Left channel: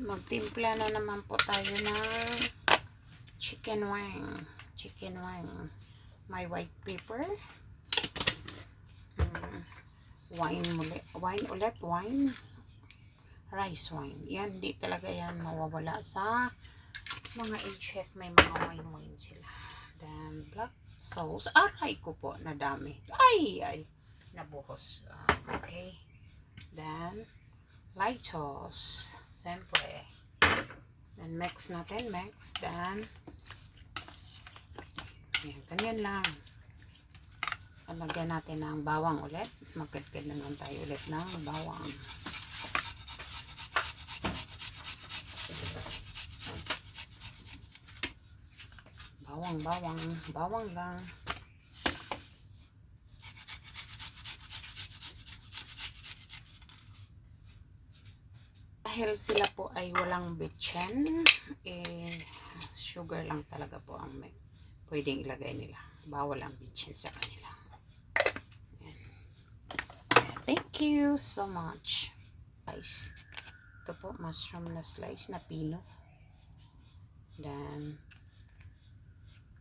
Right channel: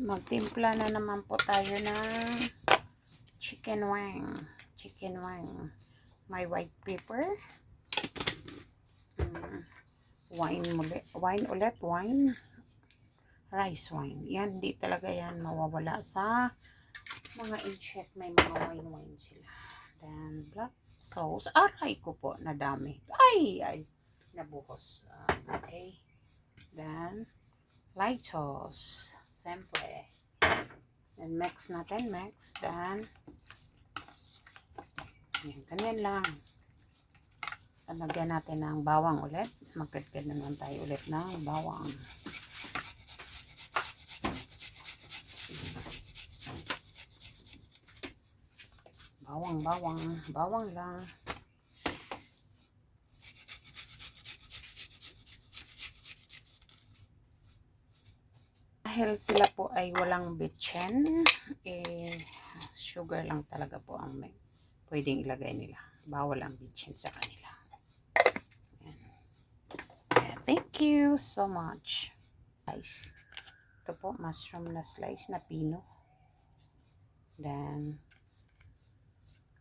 Magtimpla na naman po tayo ng chicken wing. Chicken wing. May white pepper. Wine ulit. Rice wine. Yan, hindi talaga yan mawawala sa mga i-check. May mga wine sila. Then, black sauce. Aray ko po, nadami. Ay, nabuhos. Okay. Then, light sauce. Siyempre. Then, mix natin. Then, yan, ganyan lang. Lagyan natin ng bawang ulit. Magkadkad naman tayo ulit ng bawang. Bawang lang. Dahil sila po ay walang bitchin, sugar lang talaga po ang pwedeng ilagay nila. Bawal ang bitchin sa kanila. Thank you so much. Guys, ito po, mushroom na slice na pino. Then,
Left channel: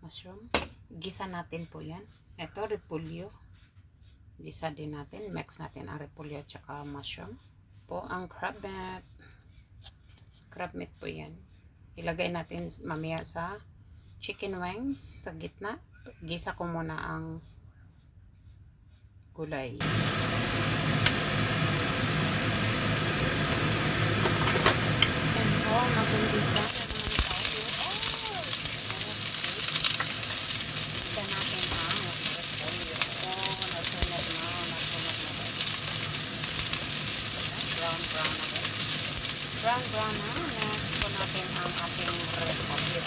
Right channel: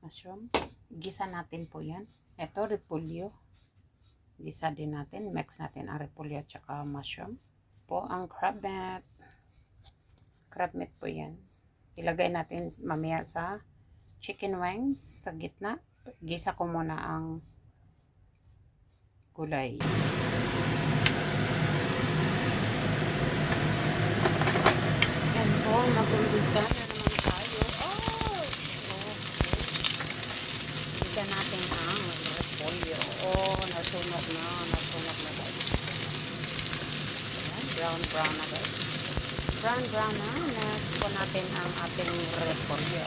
mushroom. Gisa natin po yan. Ito, repolyo. Gisa din natin. Mix natin ang repolyo at saka mushroom. Po ang crab meat. Crab meat po yan. Ilagay natin mamaya sa chicken wings sa gitna. Gisa ko muna ang gulay. And po ang mag-gisa na naman tayo. Gisa natin ang repolyo. Nasunog na guys. Brown na guys. Brown na. Nasuko natin ang ating repolyo.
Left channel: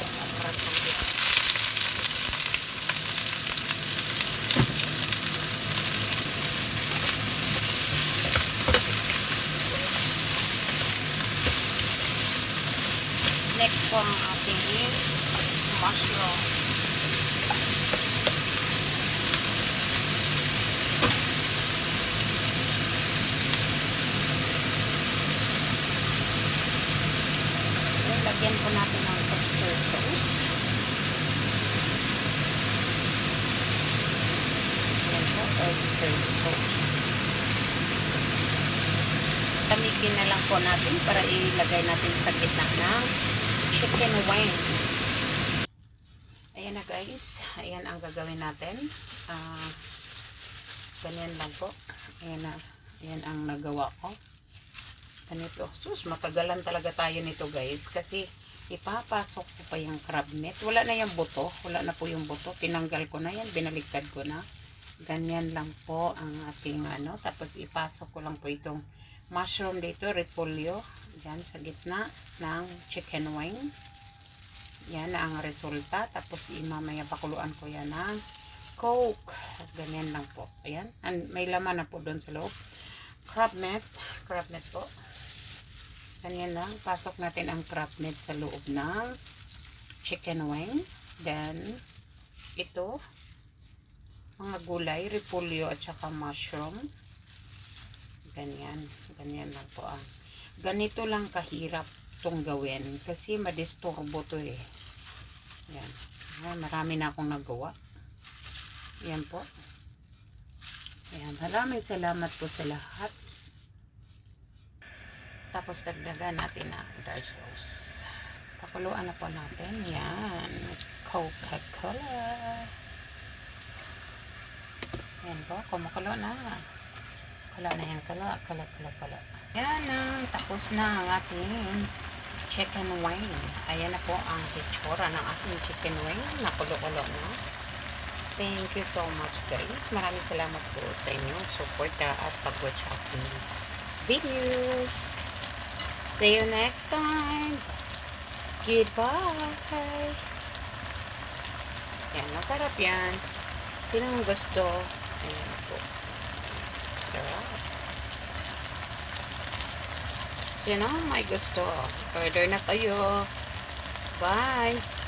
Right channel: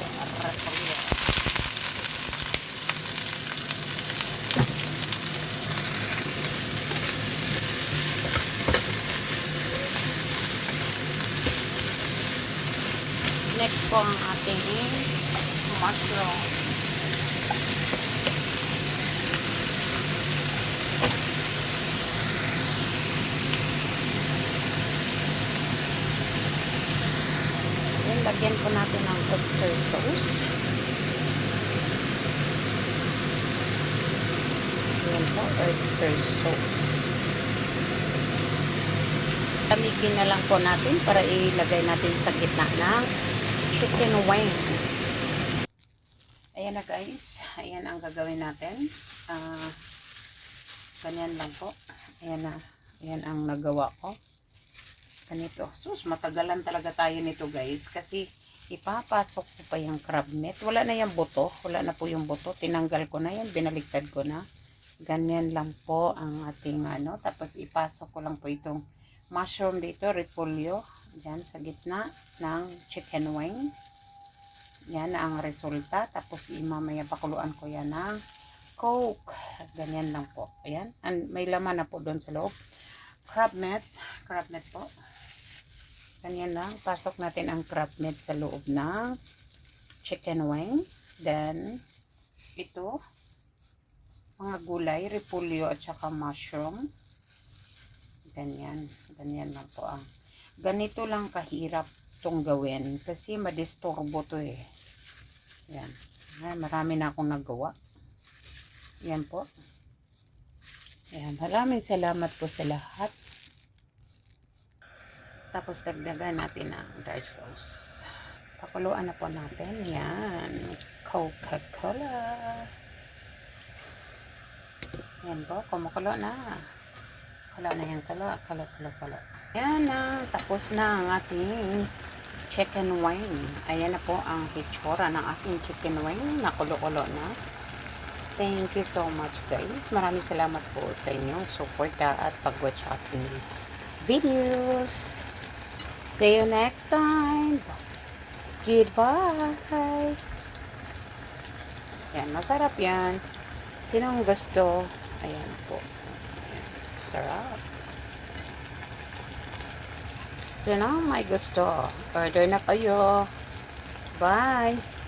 Next po ang ating mushroom. Lagyan po natin ng oyster sauce. Ayan po, oyster sauce. Lamigin na lang po natin para ilagay natin sa gitna ng chicken wings. Ayan na guys. Ayan ang gagawin natin. Ganyan lang po. Ayan na. Ayan ang nagawa ko. Ganito. Sus, matagalan talaga tayo nito guys. Kasi ipapasok ko pa yung crab meat. Wala na yung buto. Wala na po yung buto. Tinanggal ko na yan. Binaliktad ko na. Ganyan lang po ang ating Tapos ipasok ko lang po itong mushroom dito. Repolyo. Yan sa gitna ng chicken wing. Yan ang resulta. Tapos mamaya pakuluan ko yan ng Coke. Ganyan lang po. Ayan. And may laman na po doon sa loob. Crab meat. Crab meat po. Ganyan lang. Pasok natin ang crab meat sa loob ng chicken wing. Then, ito, mga gulay, repolyo at saka mushroom. Ganyan. Ganyan lang po ang. Ganito lang kahirap itong gawin. Kasi madisturbo to eh. Yan. Marami na akong nagawa. Yan po. Ayan. Maraming salamat po sa lahat. Tapos dagdagan natin ang dark sauce. Pakuluan na po natin. Yan. Coca-Cola. Yan po. Kumukulo na. Kala na yan. Kala. Yan na. Tapos na ang ating chicken wing. Ayan na po ang hitsura ng ating chicken wing. Nakulo-kulo na. Thank you so much guys. Maraming salamat po sa inyong support at pag-watch aking videos. See you next time. Goodbye. Yan, masarap yan. Sinong gusto? Ayan po. Sarap. Sinong may gusto? Order na kayo. Bye.